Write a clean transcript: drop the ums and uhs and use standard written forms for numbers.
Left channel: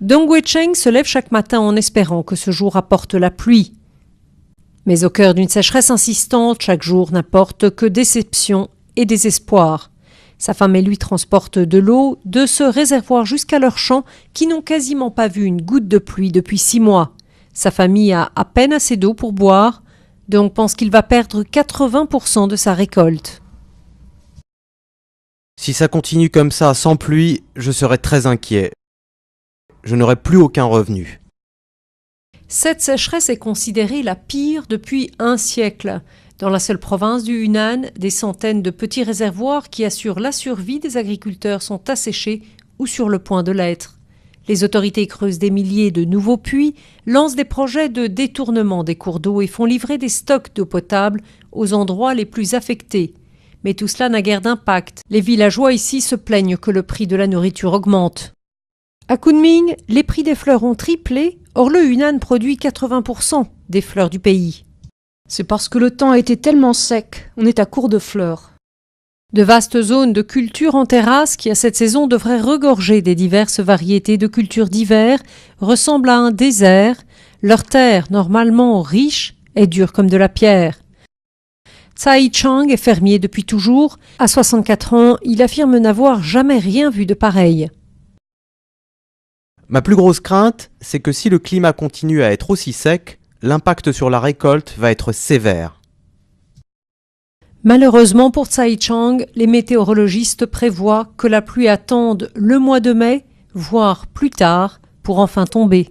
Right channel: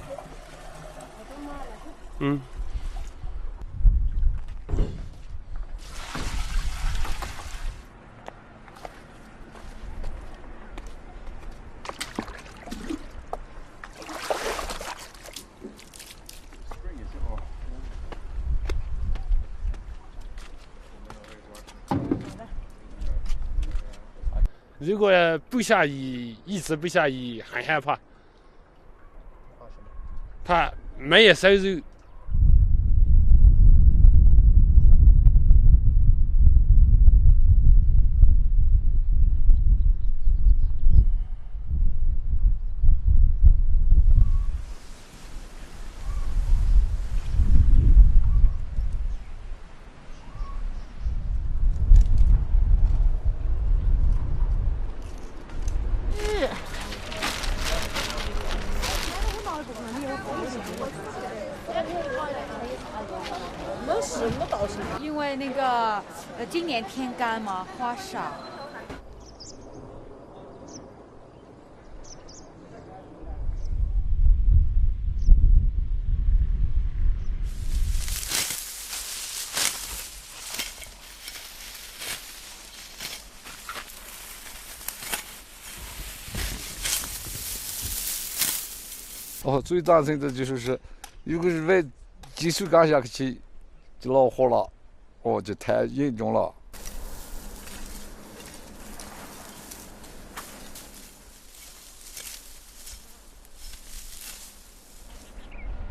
Dong Wei-cheng se lève chaque matin en espérant que ce jour apporte la pluie. Mais au cœur d'une sécheresse insistante, chaque jour n'apporte que déception et désespoir. Sa femme et lui transportent de l'eau de ce réservoir jusqu'à leurs champs qui n'ont quasiment pas vu une goutte de pluie depuis 6 mois. Sa famille a à peine assez d'eau pour boire, donc pense qu'il va perdre 80% de sa récolte. Si ça continue comme ça, sans pluie, je serai très inquiet. Je n'aurai plus aucun revenu. Cette sécheresse est considérée la pire depuis un siècle. Dans la seule province du Hunan, des centaines de petits réservoirs qui assurent la survie des agriculteurs sont asséchés ou sur le point de l'être. Les autorités creusent des milliers de nouveaux puits, lancent des projets de détournement des cours d'eau et font livrer des stocks d'eau potable aux endroits les plus affectés. Mais tout cela n'a guère d'impact. Les villageois ici se plaignent que le prix de la nourriture augmente. À Kunming, les prix des fleurs ont triplé. Or, le Hunan produit 80% des fleurs du pays. C'est parce que le temps a été tellement sec, on est à court de fleurs. De vastes zones de culture en terrasse qui, à cette saison, devraient regorger des diverses variétés de cultures d'hiver, ressemblent à un désert. Leur terre, normalement riche, est dure comme de la pierre. Tsai Chang est fermier depuis toujours. À 64 ans, il affirme n'avoir jamais rien vu de pareil. Ma plus grosse crainte, c'est que si le climat continue à être aussi sec, l'impact sur la récolte va être sévère. Malheureusement pour Tsai Chang, les météorologistes prévoient que la pluie attende le mois de mai, voire plus tard, pour enfin tomber.